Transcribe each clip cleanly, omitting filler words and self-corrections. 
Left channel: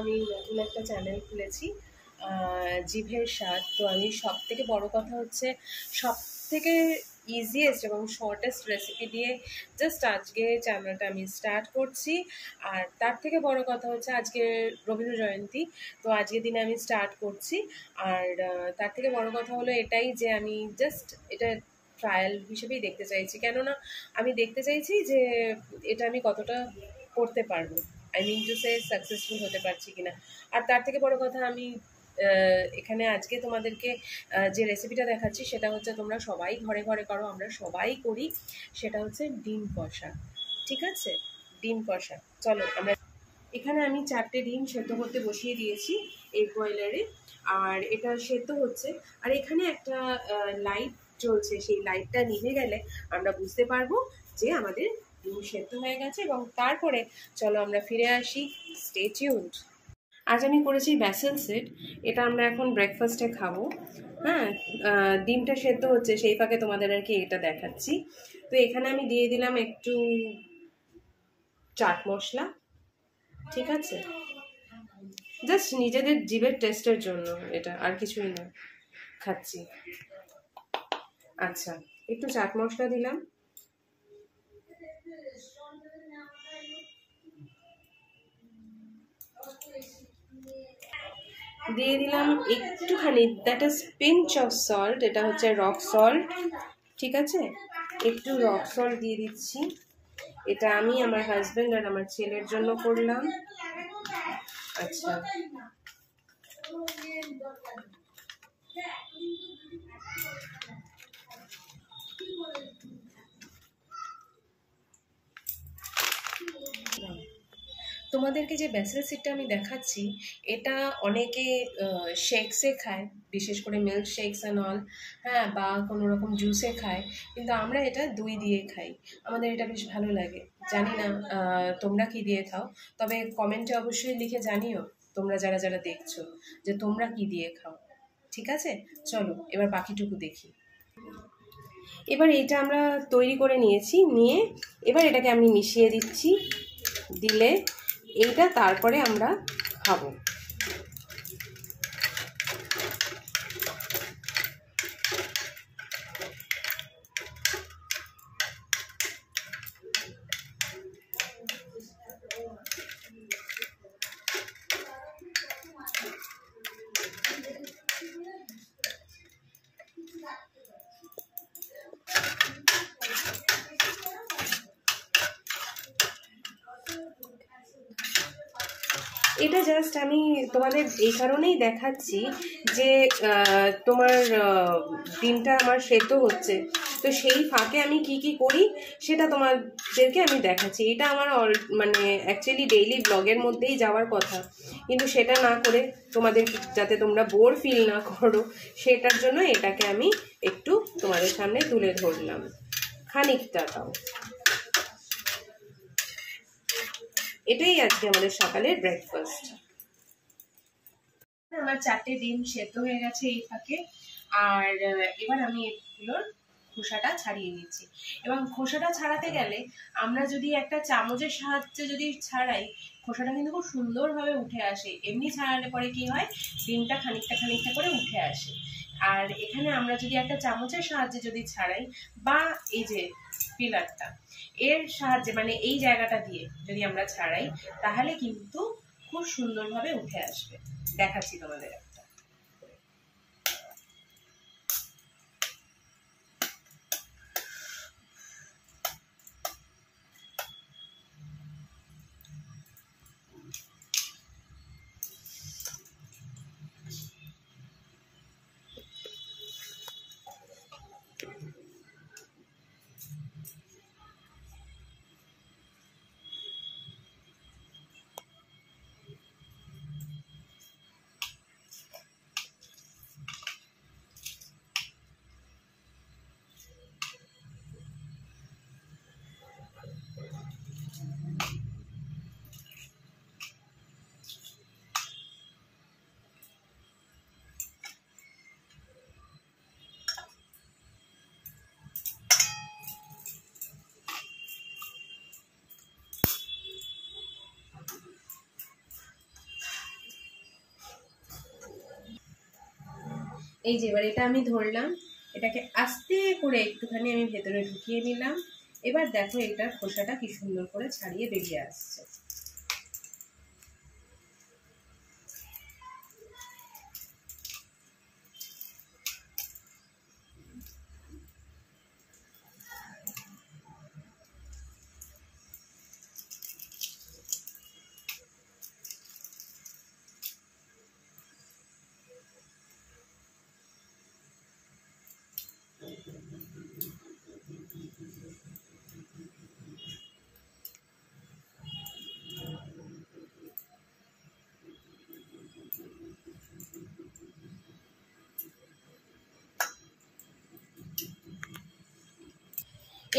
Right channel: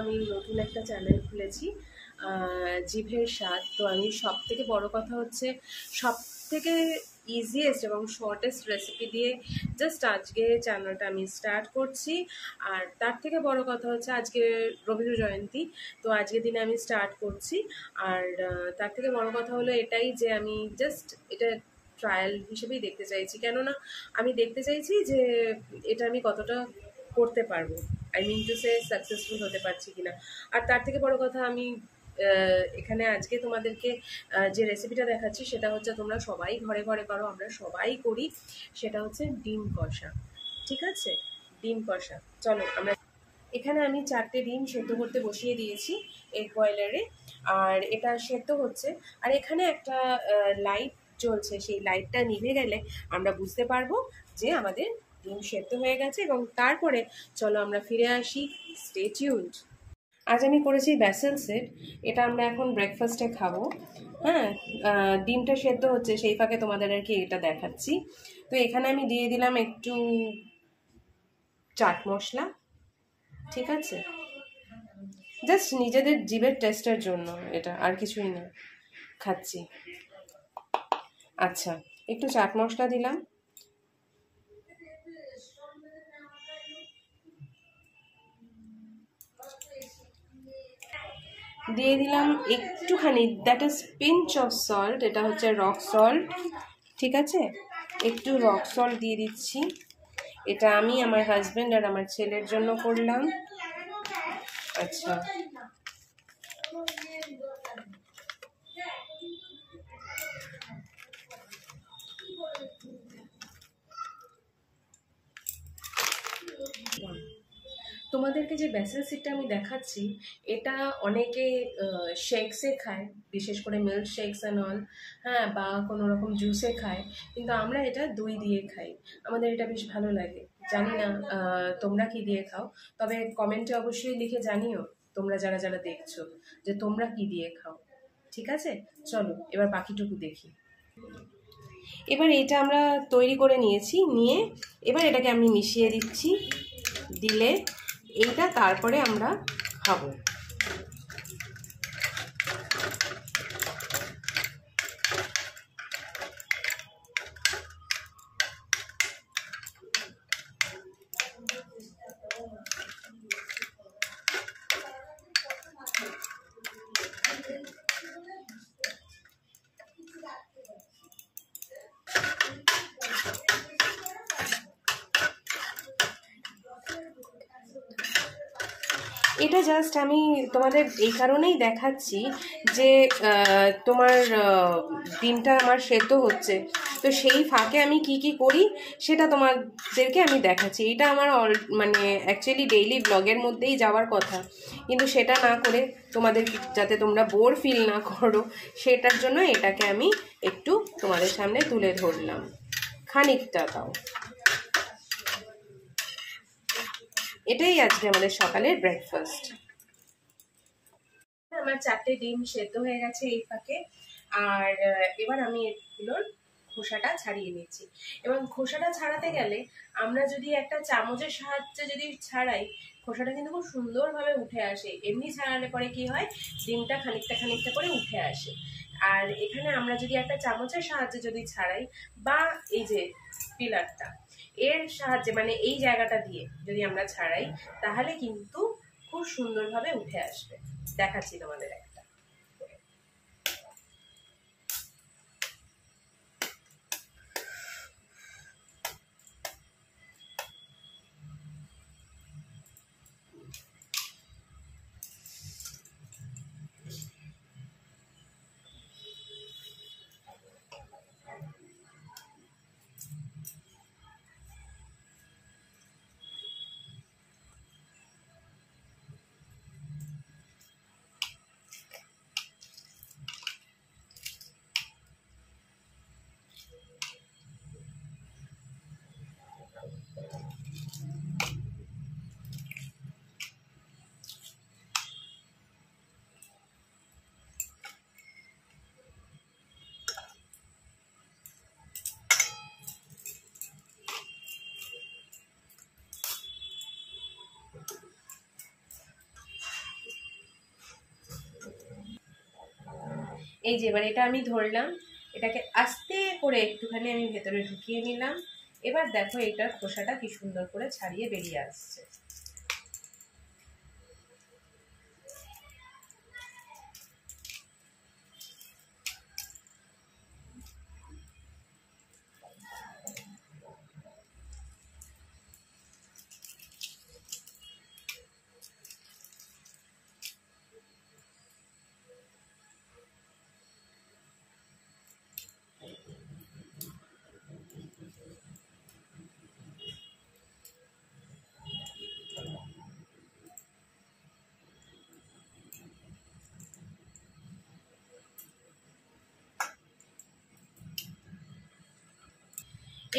আমি নতুন একটা চ্যানেল খুলেছি জিভের স্বাদ। তো আমি সবথেকে বড় কথা হচ্ছে সবথেকে ইজিয়েস্ট এবং শর্টেস্ট রেসিপি দিয়ে জাস্ট আজকে চ্যানেলটা আমি স্টার্ট করছি। আর তার থেকে বড় কথা হচ্ছে আজকে রবীন্দ্র জয়ন্তী, তো আজকের দিনে আমি স্টার্ট করছি। আর তার থেকে বড় কথা হলো এটাই যে আমি জাস্ট এটা ট্রায়াল হিসেবেই দেখতে চাইছি, কেননা আমি দেখতে চাইছি যে এটা আমি কতটা করতে পারবো, I mean to say successful হতে পারছি কিনা। আর তার থেকে বড় কথা আমি এখানে আজকে তোমাদেরকে যে রেসিপিটা দেখাচ্ছি সেটা হচ্ছে তোমরা সবাই ঘরে ঘরে করো, আমরা সবাই করি, সেটা হচ্ছে ডিম কষা। ঠিক আছে, ডিম কষা। চলো আমরা এখানে আমি 4টে ডিম সেদ্ধ করতে বসিয়ে দিয়েছি এগ বয়লারে, আর এটা সেদ্ধ হচ্ছে। আর এখানে একটা লাইট জ্বলছে, সেই লাইটটা নিভে গেলে আমরা বুঝতে পারবো যে আমাদের ডিম সেদ্ধ হয়ে গেছে। এবং তারপরে চলো আমরা ফিরে আসি, স্টে টিউনড। আজ আমি করেছি ব্যাসেল সেট, এটা আমরা এখন ব্রেকফাস্টে খাবো। হ্যাঁ, ডিমটা সেদ্ধ হচ্ছে, সেই ফাঁকে তোমাদের আর কি এটা দেখাচ্ছি। তো এখানে আমি দিয়ে দিলাম একটু চাট মশলা, ঠিক আছে, জাস্ট নিজেদের জিভের টেস্টের জন্য, এটা আর কিছুই না, খাচ্ছি। আচ্ছা, একটু চাট মশলা দিলাম, দিয়ে দিলাম একটুখানি, that is pinch of salt, এটা হচ্ছে রক সল্ট, ঠিক আছে, একটু রক সল্ট দিয়ে দিচ্ছি। এটা আমি আমার হাজব্যান্ড আর আমার ছেলের জন্য করলাম। আচ্ছা, তোমাদেরকে যে ব্যাসেল সিডটা আমি দেখাচ্ছি, এটা অনেকে শেকসে খায়, বিশেষ করে মিল্ক শেকস অ্যান্ড অল, হ্যাঁ, বা কোনো রকম জুসে খায়, কিন্তু আমরা এটা দই দিয়ে খাই, আমাদের এটা বেশ ভালো লাগে। জানি না তোমরা কি দিয়ে খাও, তবে কমেন্টে অবশ্যই লিখে জানিও তোমরা যারা যারা দেখছো যে তোমরা কি দিয়ে খাও। ঠিক আছে, চলো এবার বাকিটুকু দেখি। এবার এটা আমরা তৈরি করে নিয়েছি, নিয়ে এবার এটাকে আমি মিশিয়ে দিচ্ছি, দিলে এইটা তারপরে আমরা খাবো। এটা জাস্ট আমি তোমাদের এই কারণেই দেখাচ্ছি যে তোমার ডিমটা আমার সেদ্ধ হচ্ছে, তো সেই ফাঁকে আমি কি কি করি সেটা তোমাদেরকে আমি দেখাচ্ছি। এটা আমার মানে অ্যাকচুয়ালি ডেইলি ব্লগের মধ্যেই যাওয়ার কথা, কিন্তু সেটা না করে তোমাদের যাতে তোমরা বোর ফিল না করো সেটার জন্য এটাকে আমি একটু তোমাদের সামনে তুলে ধরলাম, খানিকটা তাও। এটাই আজকে আমাদের সকালের ব্রেকফাস্ট। আমার 4টে ডিম সেদ্ধ হয়ে গেছে এই ফাঁকে, আর এবার আমি এগুলোর খোসাটা ছাড়িয়ে নিচ্ছি। এবং খোসাটা ছাড়াতে গেলে আমরা যদি একটা চামচের সাহায্যে যদি ছাড়াই, খোসাটা কিন্তু খুব সুন্দরভাবে উঠে আসে। এমনি ছাড়ালে পরে কি হয়, ডিমটা খানিকটা খানিকটা করে উঠে আসে। আর এখানে আমরা যদি একটা চামচের সাহায্যে যদি ছাড়াই, বা এই যে পিলারটা এর সাহায্যে, মানে এই জায়গাটা দিয়ে যদি আমরা ছাড়াই, তাহলে কিন্তু খুব সুন্দরভাবে উঠে আসবে। দেখাচ্ছি তোমাদের একটা। এই যে এবার এটা আমি ধরলাম, এটাকে আস্তে করে একটুখানি আমি ভেতরে ঢুকিয়ে নিলাম। এবার দেখো এটার খোসাটা কি সুন্দর করে ছাড়িয়ে বেরিয়ে আসছে।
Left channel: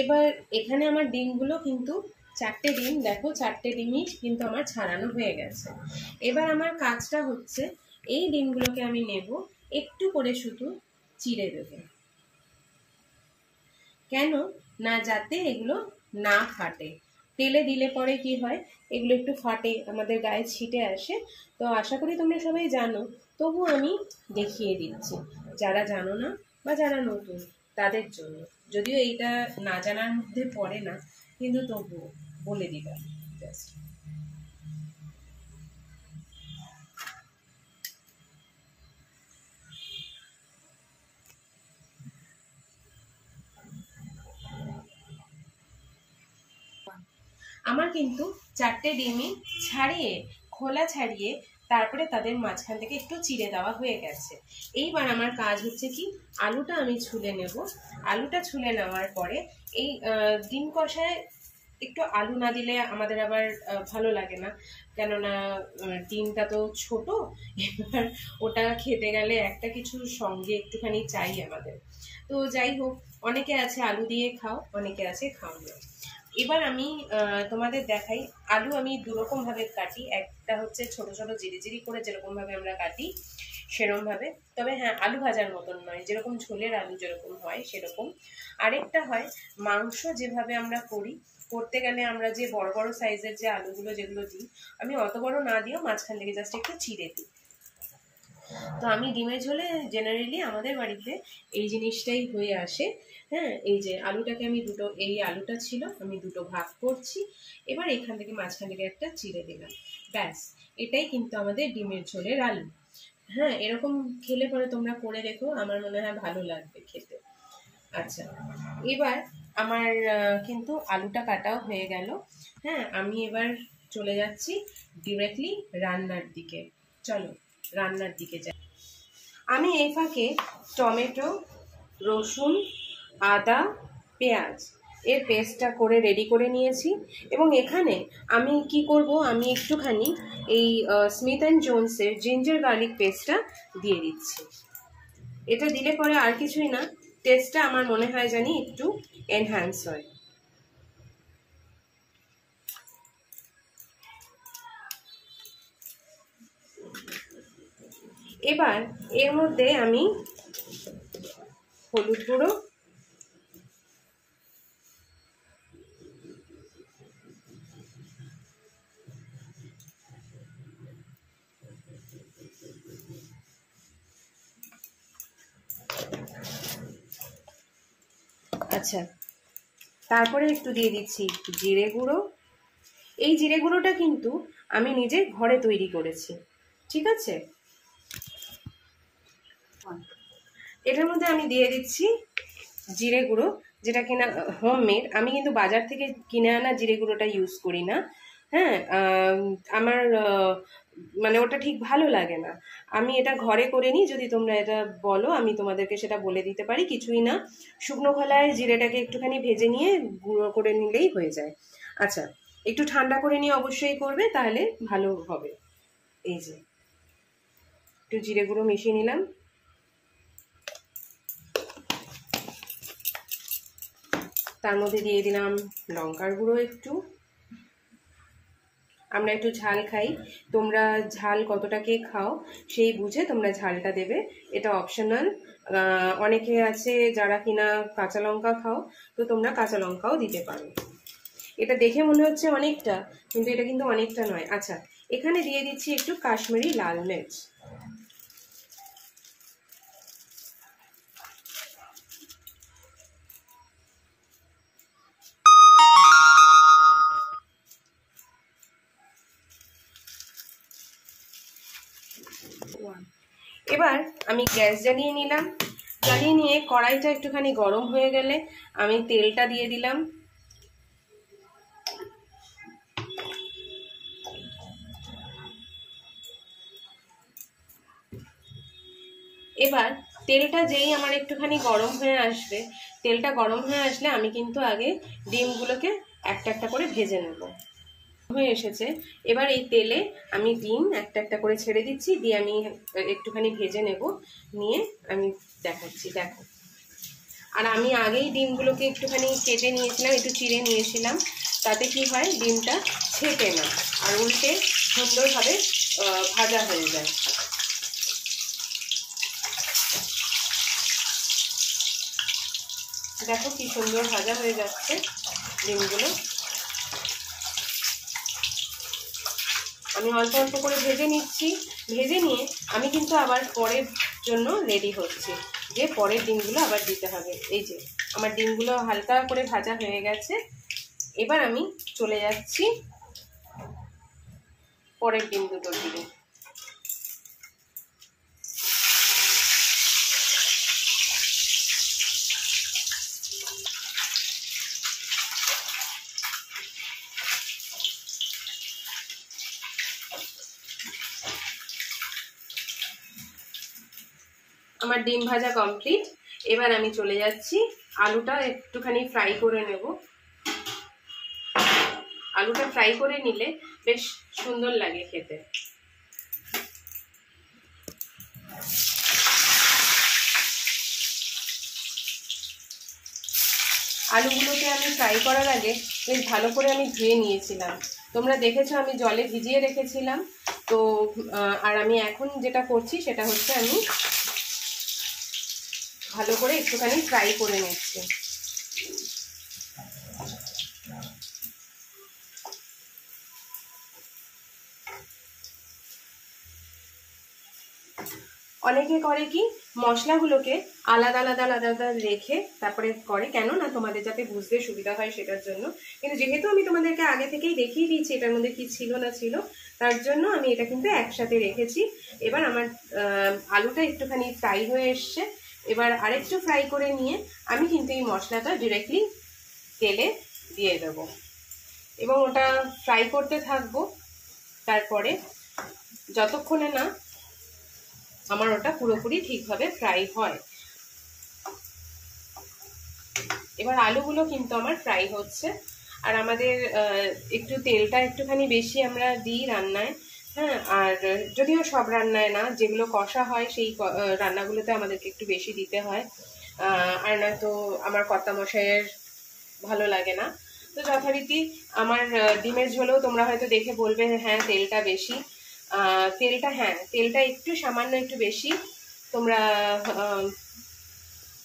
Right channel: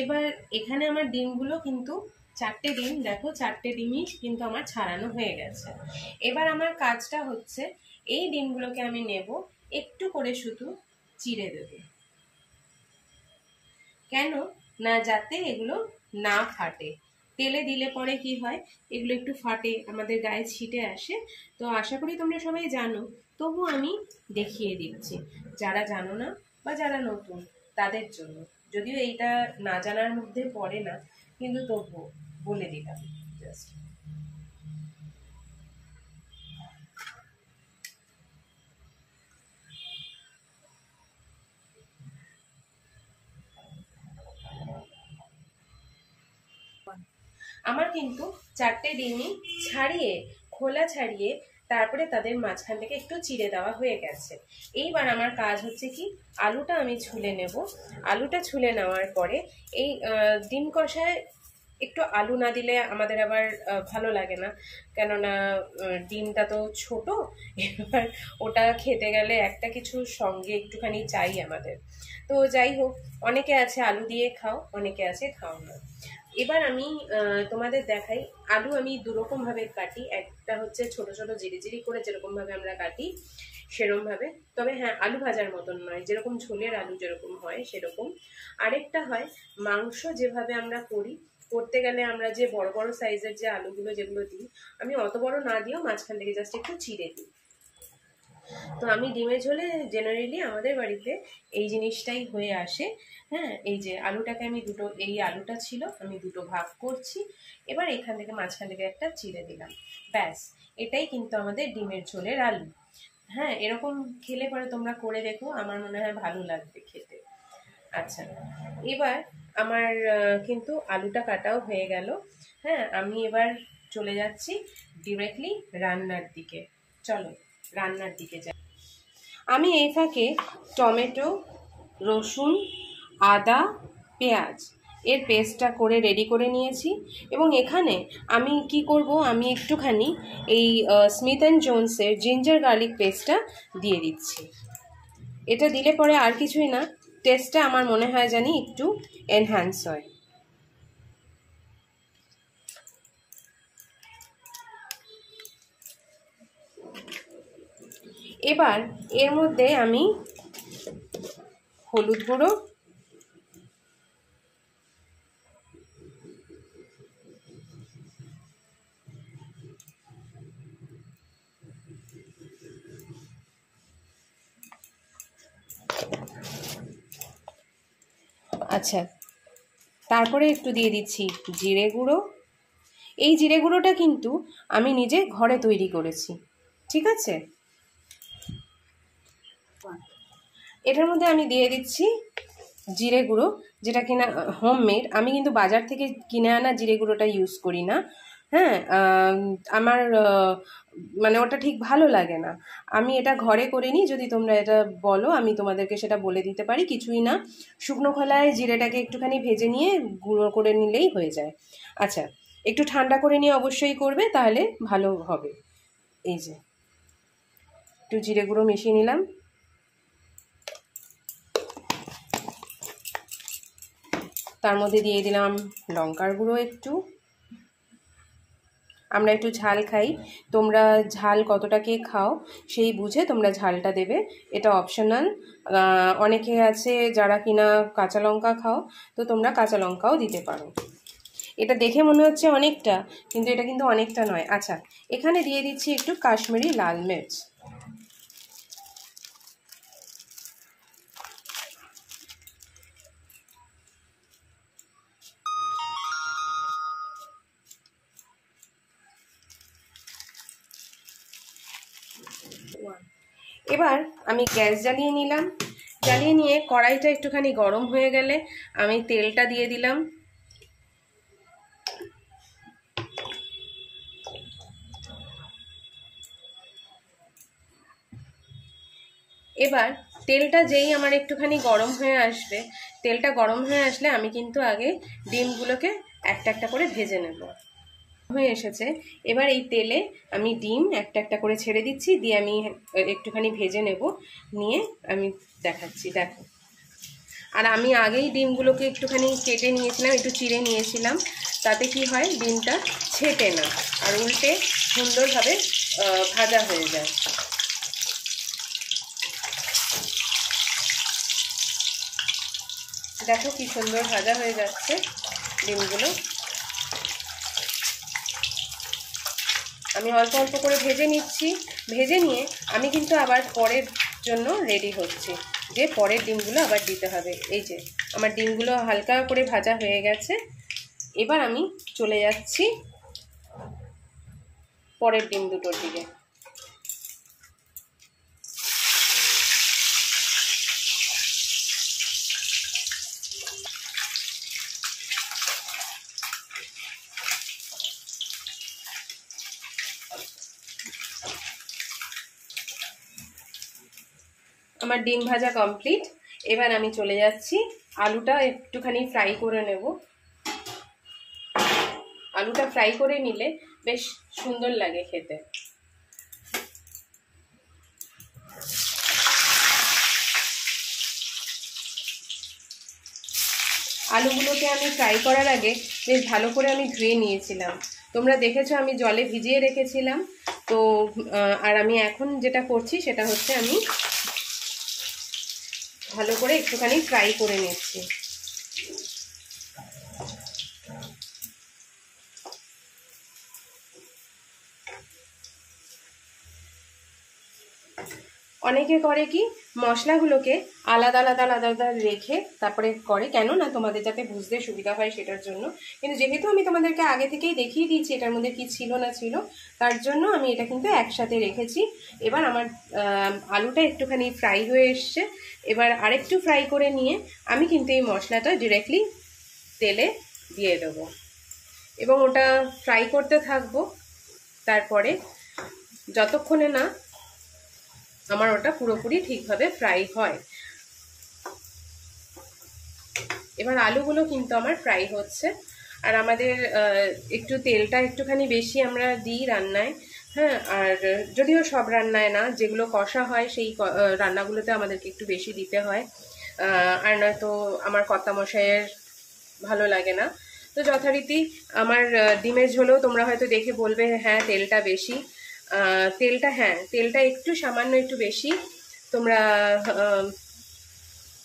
এবার এখানে আমার ডিমগুলো কিন্তু 4টে ডিম, দেখো 4টে ডিমই কিন্তু আমার ছাড়ানো হয়ে গেছে। এবার আমার কাজটা হচ্ছে এই ডিমগুলোকে আমি নেব, একটু করে শুধু চিড়ে দেব, কেন না যাতে এগুলো না ফাটে। তেলে দিলে পরে কি হয়, এগুলো একটু ফাটে, আমাদের গায়ে ছিটে আসে। তো আশা করি তোমরা সবাই জানো, তবু আমি দেখিয়ে দিচ্ছি যারা জানো না বা যারা নতুন তাদের জন্য। যদিও এইটা না জানার মধ্যে পড়ে না, কিন্তু তবু বলে দিলাম জাস্ট। আমার কিন্তু 4টে ডিমই ছাড়িয়ে, খোলা ছাড়িয়ে তারপরে তাদের মাঝখান থেকে একটু চিড়ে দেওয়া হয়ে গেছে। এইবার আমার কাজ হচ্ছে কি, আলুটা আমি ছুলে নেব। আলুটা ছুলে নেওয়ার পরে এই ডিম কষায় একটু আলু না দিলে আমাদের আবার ভালো লাগে না, কেননা ডিমটা তো ছোট, এবার ওটা খেতে গেলে একটা কিছু সঙ্গে একটুখানি চাই আমাদের। তো যাই হোক, অনেকে আছে আলু দিয়ে খাও, অনেকে আছে খাও না। এবার আমি তোমাদের দেখাই, আলু আমি দুরকম ভাবে কাটি। একটা হচ্ছে ছোট ছোট জিরি জিরি করে যেরকম ভাবে আমরা কাটি সেরকম ভাবে, তবে হ্যাঁ আলু ভাজার মতন নয়, যেরকম ঝোলের আলু যেরকম হয় সেরকম। আরেকটা হয় মাংস যেভাবে আমরা করি, করতে গেলে আমরা যে বড় বড় সাইজের যে আলুগুলো যেগুলো দিই, আমি অত বড় না দিয়েও মাঝখান থেকে জাস্ট একটু চিড়ে দিই। তো আমি ডিমের ঝোলে জেনারেলি আমাদের বাড়িতে এই জিনিসটাই হয়ে আসে। হ্যাঁ, এই যে আলুটাকে আমি দুটো, এই আলুটা ছিল আমি দুটো ভাগ করছি, এবার এখান থেকে মাঝখান থেকে একটা চিড়ে দিলাম, ব্যাস। এটাই কিন্তু আমাদের ডিমের ঝোলের আলু। হ্যাঁ, এরকম খেলে পরে তোমরা করে দেখো, আমার মনে হয় ভালো লাগবে খেতে। আচ্ছা, এবার আমার কিন্তু আলুটা কাটাও হয়ে গেল। হ্যাঁ, আমি এবার চলে যাচ্ছি ডিরেক্টলি রান্নার দিকে। চলো রান্নার দিকে যাই। আমি এই ফাঁকে টমেটো, রসুন, আদা, পেঁয়াজ এর পেস্টটা করে রেডি করে নিয়েছি। এবং এখানে আমি কি করব, আমি একটুখানি এই স্মিথ অ্যান্ড জোনসের জিঞ্জার গার্লিক পেস্টটা দিয়ে দিচ্ছি। এটা দিলে পরে আর কিছুই না, টেস্টটা আমার মনে হয় জানি একটু এনহ্যান্স হয়। এবার এর মধ্যে আমি হলুদ গুঁড়ো, আচ্ছা তারপরে একটু দিয়ে দিচ্ছি জিরে গুঁড়ো। এই জিরে গুঁড়োটা কিন্তু আমি নিজে ঘরে তৈরি করেছি, ঠিক আছে। এটার মধ্যে আমি দিয়ে দিচ্ছি জিরে গুঁড়ো, যেটা কিনা হোমমেড। আমি কিন্তু বাজার থেকে কিনে আনা জিরে গুঁড়োটা ইউজ করি না। হ্যাঁ, আমার মানে ওটা ঠিক ভালো লাগে না। আমি এটা ঘরে করে নিই, যদি তোমরা এটা বলো আমি তোমাদেরকে সেটা বলে দিতে পারি। কিছুই না, শুকনো খোলায় জিরেটাকে একটুখানি ভেজে নিয়ে গুঁড়ো করে নিলেই হয়ে যায়। আচ্ছা, একটু ঠান্ডা করে নিয়ে অবশ্যই করবে, তাহলে ভালো হবে। এই যে একটু জিরে গুঁড়ো মিশিয়ে নিলাম, তার মধ্যে দিয়ে দিলাম লঙ্কার গুঁড়ো একটু। আমরা একটু ঝাল খাই, তোমরা ঝাল কতটাকে খাও সেই বুঝে তোমরা ঝালটা দেবে, এটা অপশনাল। অনেকে আছে যারা কিনা কাঁচা লঙ্কা খাও, তো তোমরা কাঁচা লঙ্কাও দিতে পারো। এটা দেখে মনে হচ্ছে অনেকটা, কিন্তু এটা কিন্তু অনেকটা নয়। আচ্ছা, এখানে দিয়ে দিচ্ছি একটু কাশ্মীরি লাল মির্চ। এবার আমি গ্যাস জ্বালিয়ে নিলাম। জ্বালিয়ে নিয়ে কড়াইটা একটুখানি গরম হয়ে গেলে আমি তেলটা দিয়ে দিলাম। এবার তেলটা যেই আমার একটুখানি গরম হয়ে আসবে, তেলটা গরম হয়ে আসলে আমি কিন্তু আগে ডিমগুলোকে একটা একটা করে ভেজে নেব। হয়ে এসেছে, এবার এই তেলে আমি ডিম একটা একটা করে ছেড়ে দিচ্ছি, দিয়ে আমি একটুখানি ভেজে নেব, নিয়ে আমি দেখাচ্ছি। দেখো, আর আমি আগেই ডিমগুলোকে একটুখানি কেটে নিয়েছিলাম, একটু চিড়ে নিয়েছিলাম, তাতে কি হয় ডিমটা ছেঁকে না আর উল্টে সুন্দরভাবে ভাজা হয়ে যায়। দেখো কি সুন্দর ভাজা হয়ে যাচ্ছে ডিমগুলো। আমি অল্প অল্প করে ভেজে নিচ্ছি। ভেজে নিয়ে আমি কিন্তু আবার পরের জন্য রেডি হচ্ছি, যে পরের ডিমগুলো আবার দিতে হবে। এই যে আমার ডিমগুলো হালকা করে ভাজা হয়ে গেছে, এবার আমি চলে যাচ্ছি পরের ডিম দুটোর দিকে। আমার ডিম ভাজা কমপ্লিট। এবার আমি চলে যাচ্ছি, আলুটা একটুখানি ফ্রাই করে নেব। আলুটা ফ্রাই করে নিলে বেশ সুন্দর লাগে খেতে। আলুগুলোকে আমি ফ্রাই করার আগে বেশ ভালো করে আমি ধুয়ে নিয়েছিলাম। তোমরা দেখেছো আমি জলে ভিজিয়ে রেখেছিলাম। তো আর আমি এখন যেটা করছি সেটা হচ্ছে আমি ভালো করে একটুখানি ফ্রাই করে নিচ্ছি। অনেকে করে কি মশলাগুলোকে আলাদা আলাদা আলাদা আলাদা রেখে তারপরে করে, কেন না তোমাদের যাতে বুঝতে সুবিধা হয় সেটার জন্য। কিন্তু যেহেতু আমি তোমাদেরকে আগে থেকেই দেখিয়ে দিয়েছি এটার মধ্যে কি ছিল না ছিল, তার জন্য আমি এটা কিন্তু একসাথে রেখেছি। এবার আমার আলুটা একটুখানি ফ্রাই হয়ে এসছে, এবার আরেকটু ফ্রাই করে নিয়ে আমি কিন্তু এই মশলাটা ডিরেক্টলি তেলে দিয়ে দেবো এবং ওটা ফ্রাই করতে থাকবো। তারপরে যতক্ষণে না আমার ওটা পুরোপুরি ঠিকভাবে ফ্রাই হয়। এবার আলুগুলো কিন্তু আমার ফ্রাই হচ্ছে, আর আমাদের একটু তেলটা একটুখানি বেশি আমরা দিই রান্নায়, হ্যাঁ। আর যদিও সব রান্নায় না, যেগুলো কষা হয় সেই রান্নাগুলোতে আমাদেরকে একটু বেশি দিতে হয়, আর নয়তো আমার কর্তামশাইয়ের ভালো লাগে না। তো যথারীতি আমার ডিমের ঝোলেও তোমরা হয়তো দেখে বলবে হ্যাঁ তেলটা বেশি। তেলটা হ্যাঁ তেলটা একটু সামান্য একটু বেশি। তোমরা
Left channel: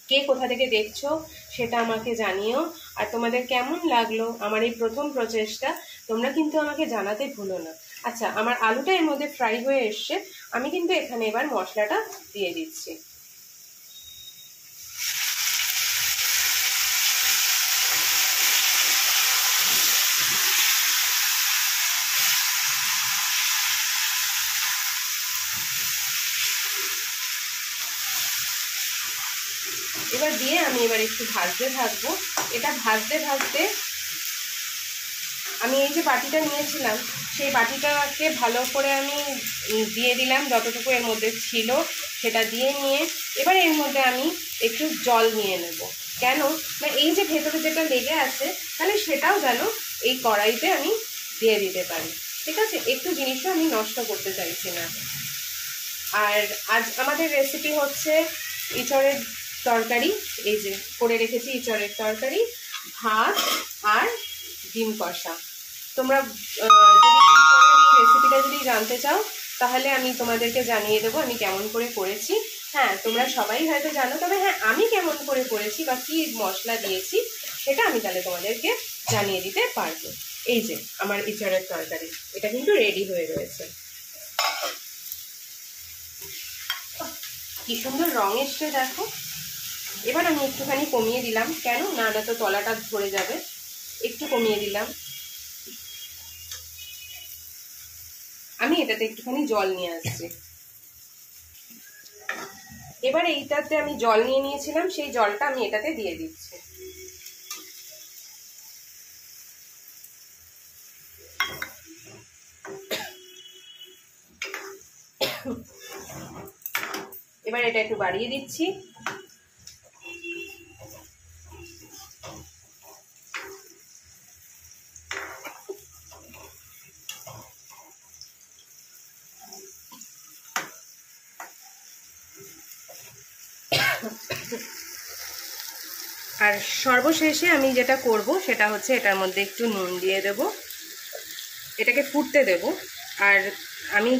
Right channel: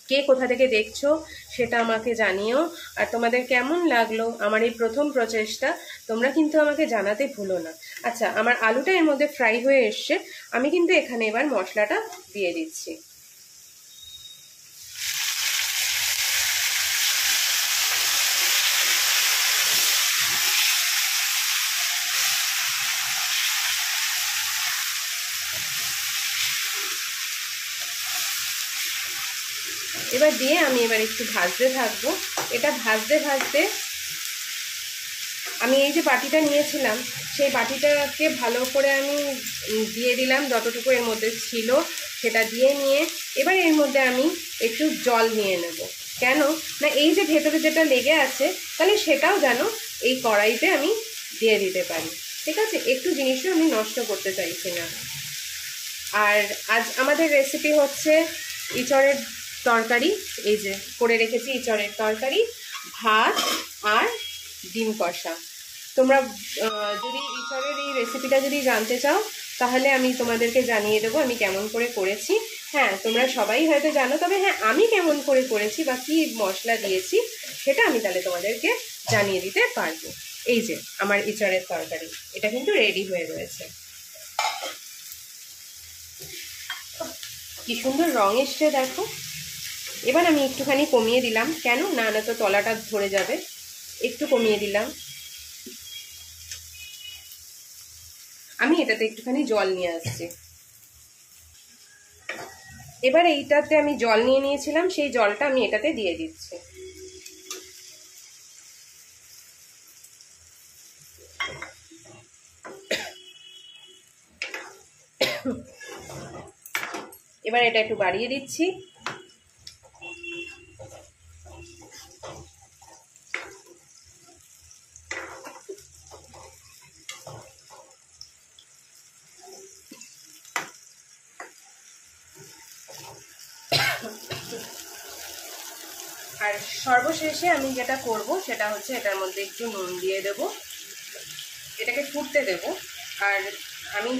কে কোথা থেকে দেখছো সেটা আমাকে জানিও। আর তোমাদের কেমন লাগলো আমার এই প্রথম প্রচেষ্টা তোমরা কিন্তু আমাকে জানাতে ভুলো না। আচ্ছা, আমার আলুটা এর মধ্যে ফ্রাই হয়ে এসছে, আমি কিন্তু এখানে এবার মশলাটা দিয়ে দিচ্ছি। এবার দিয়ে আমি এবার একটু ভাজতে থাকবো। এটা ভাজতে ভাজতে আমি এই যে বাটিটা নিয়েছিলাম সেই বাটিটাকে ভালো করে আমি দিয়ে দিলাম, যতটুকু এর মধ্যে ছিল সেটা দিয়ে নিয়ে এবার এর মধ্যে আমি একটু জল নিয়ে নেব। কেন না এই যে ভেতরে যেটা লেগে আছে তাহলে সেটাও যেন এই কড়াইতে আমি দিয়ে দিতে পারি। ঠিক আছে, একটু জিনিসও আমি নষ্ট করতে চাইছি না। আর আজ আমাদের রেসিপি হচ্ছে ইঁচড়ের তরকারি। এই যে করে রেখেছি ইঁচড়ের তরকারি, ভাত আর ডিম কষা। তোমরা যদি ইঁচড়ের এই রেসিপিটা যদি জানতে চাও তাহলে আমি তোমাদেরকে জানিয়ে দেবো আমি কেমন করে করেছি। হ্যাঁ, তোমরা সবাই হয়তো জানো, তবে হ্যাঁ আমি কেমন করে করেছি বা কী মশলা দিয়েছি সেটা আমি তাহলে তোমাদেরকে জানিয়ে দিতে পারবো। এই যে আমার ইঁচড়ের তরকারি, এটা কিন্তু রেডি হয়ে রয়েছে। কি সুন্দর রং এসছে দেখো। এবার আমি একটুখানি কমিয়ে দিলাম, কেন না তো তলাটা ধরে যাবে, একটু কমিয়ে দিলাম। আমি এটাতে একটুখানি জল নিয়ে আসছি। এবার এইটাতে আমি জল নিয়ে নিয়েছিলাম, সেই জলটা আমি এটাতে দিয়ে দিচ্ছি। এবার এটা একটু বাড়িয়ে দিচ্ছি। আর সর্বশেষে আমি যেটা করব সেটা হচ্ছে এটার মধ্যে একটু নুন দিয়ে দেব, এটাকে ফুটতে দেব। আর আমি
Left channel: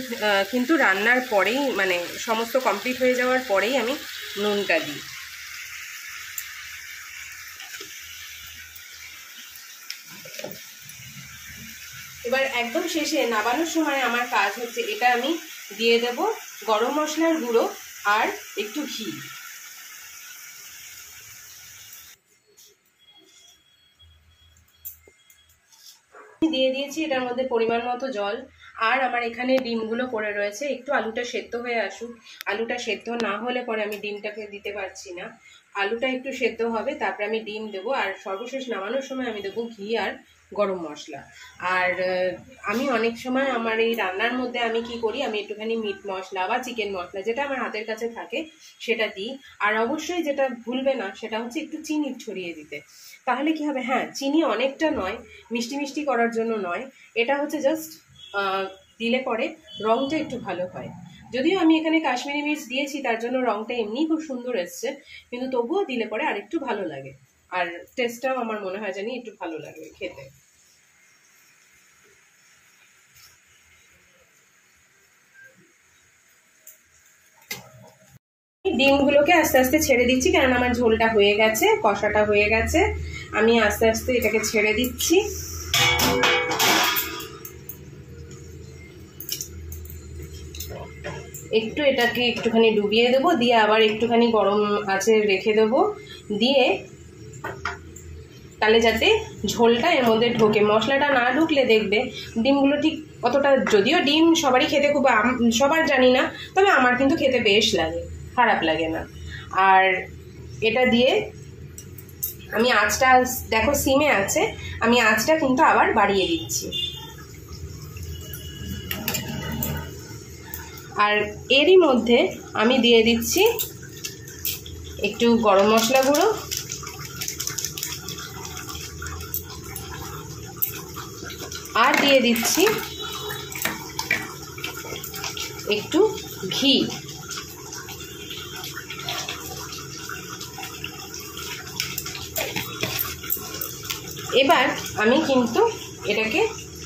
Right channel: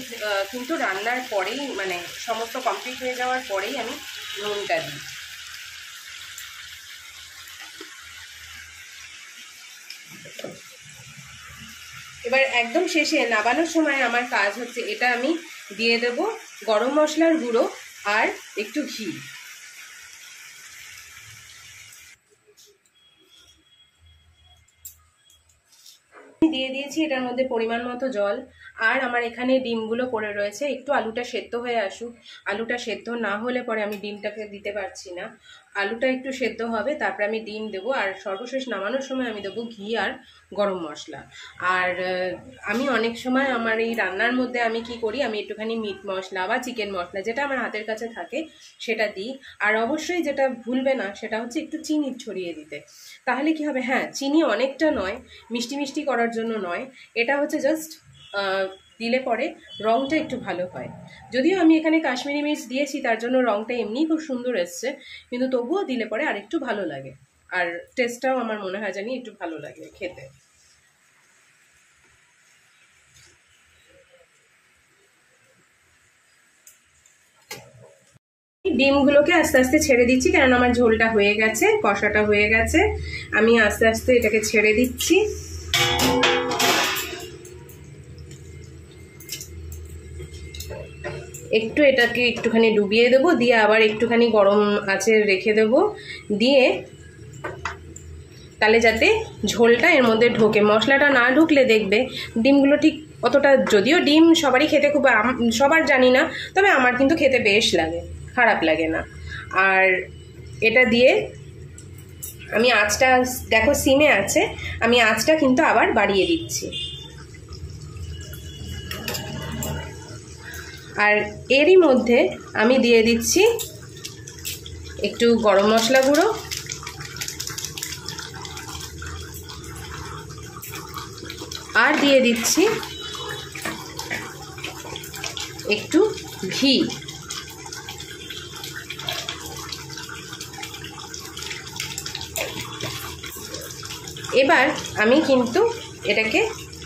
কিন্তু রান্নার পরেই, মানে সমস্ত কমপ্লিট হয়ে যাওয়ার পরেই আমি নুনটা দিই। এবার একদম শেষে নাবানোর সময় আমার কাজ হচ্ছে এটা আমি দিয়ে দেব গরম মশলার গুঁড়ো আর একটু ঘি। দিয়ে দিয়েছি এটার মধ্যে পরিমাণ মতো জল। আর আমার এখানে ডিমগুলো পড়ে রয়েছে, একটু আলুটা সেদ্ধ হয়ে আসুক। আলুটা সেদ্ধ না হলে পরে আমি ডিমটাকে দিতে পারছি না। আলুটা একটু সেদ্ধ হবে, তারপরে আমি ডিম দেবো। আর সর্বশেষ নামানোর সময় আমি দেবো ঘি আর গরম মশলা। আর আমি অনেক সময় আমার এই রান্নার মধ্যে আমি কি করি, আমি একটুখানি মিট মশলা বা চিকেন মশলা যেটা আমার হাতের কাছে থাকে সেটা দিই। আর অবশ্যই যেটা ভুলবে না সেটা হচ্ছে একটু চিনি ছড়িয়ে দিতে। তাহলে কি হবে, হ্যাঁ চিনি অনেকটা নয়, মিষ্টি মিষ্টি করার জন্য নয়, এটা হচ্ছে জাস্ট দিলে পরে রঙটা একটু ভালো হয়। যদিও আমি এখানে কাশ্মীরি মির্চ দিয়েছি, তার জন্য রঙটা এমনিই খুব সুন্দর এসছে, কিন্তু তবুও দিলে পরে আর একটু ভালো লাগে। আর টেস্টটাও আমার মনে হয় জানি একটু ভালো লাগে খেতে। ডিমগুলোকে আস্তে আস্তে ছেড়ে দিচ্ছি, কারণ আমার ঝোলটা হয়ে গেছে, কষাটা হয়ে গেছে। আমি আস্তে আস্তে এটাকে ছেড়ে দিচ্ছি। একটু এটাকে একটুখানি ডুবিয়ে দেবো, দিয়ে আবার একটুখানি গরম আঁচে রেখে দেবো, দিয়ে তাহলে যাতে ঝোলটা এর মধ্যে ঢোকে। মশলাটা না ঢুকলে দেখবে ডিমগুলো ঠিক অতটা, যদিও ডিম সবারই খেতে খুব, সবার জানি না, তবে আমার কিন্তু খেতে বেশ লাগে, খারাপ লাগে না। আর এটা দিয়ে আমি আঁচটা, দেখো সিমে আছে, আমি আঁচটা কিন্তু আবার বাড়িয়ে দিচ্ছি। আর এরই মধ্যে আমি দিয়ে দিচ্ছি একটু গরম মশলা গুঁড়ো, আর দিয়ে দিচ্ছি একটু ঘি। এবার আমি কিন্তু এটাকে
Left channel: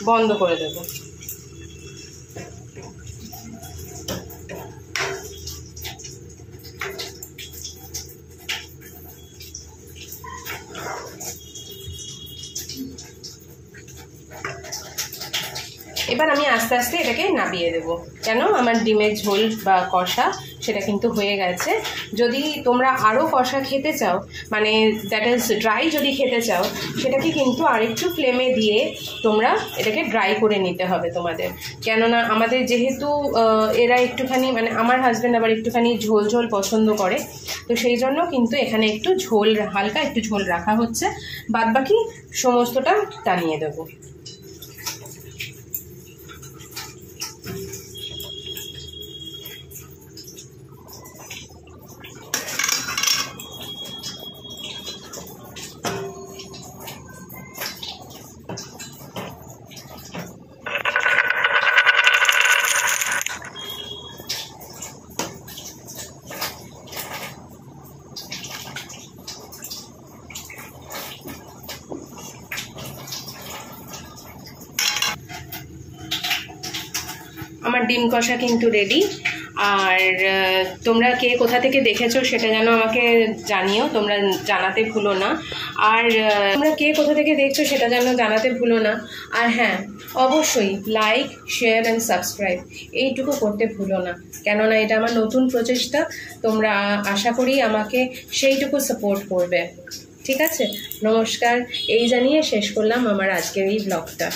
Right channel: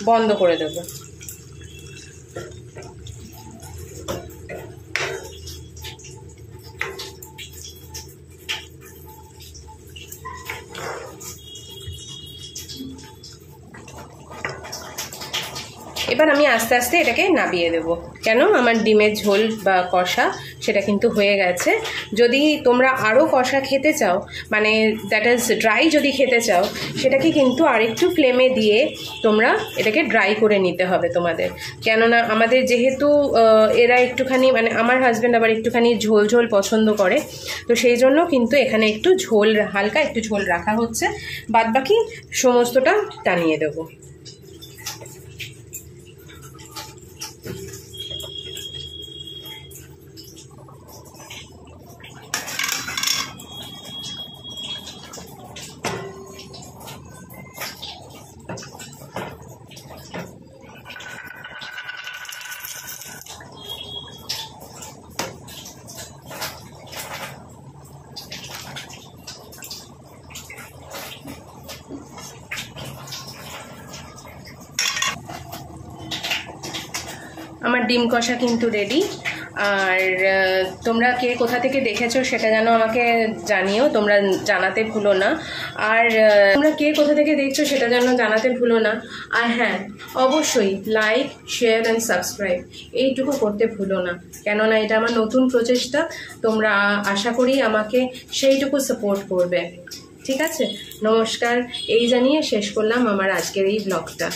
বন্ধ করে দেব। এবার আমি আস্তে আস্তে এটাকে নামিয়ে দেব, কেন আমার ডিমের ঝোল বা কষা সেটা কিন্তু হয়ে গেছে। যদি তোমরা আরও কষা খেতে চাও, মানে দ্যাট ইজ ড্রাই যদি খেতে চাও, সেটাকে কিন্তু আরেকটু ফ্লেমে দিয়ে তোমরা এটাকে ড্রাই করে নিতে হবে তোমাদের। কেননা আমাদের যেহেতু এরা একটুখানি, মানে আমার হাজব্যান্ড আবার একটুখানি ঝোল ঝোল পছন্দ করে, তো সেই জন্য কিন্তু এখানে একটু ঝোল, হালকা একটু ঝোল রাখা হচ্ছে, বাদবাকি সমস্তটা টানিয়ে দেবো। আমার ডিম কষা কিন্তু রেডি। আর তোমরা কে কোথা থেকে দেখেছো সেটা যেন আমাকে জানিও, তোমরা জানাতে ভুলো না। আর তোমরা কে কোথা থেকে দেখছো সেটা যেন জানাতে ভুলো না। আর হ্যাঁ, অবশ্যই লাইক, শেয়ার অ্যান্ড সাবস্ক্রাইব এইটুকু করতে ভুলো না, কেননা এটা আমার নতুন প্রচেষ্টা। তোমরা আশা করি আমাকে সেইটুকু সাপোর্ট করবে। ঠিক আছে, নমস্কার, এই জানিয়ে শেষ করলাম আমার আজকের এই ব্লগটা।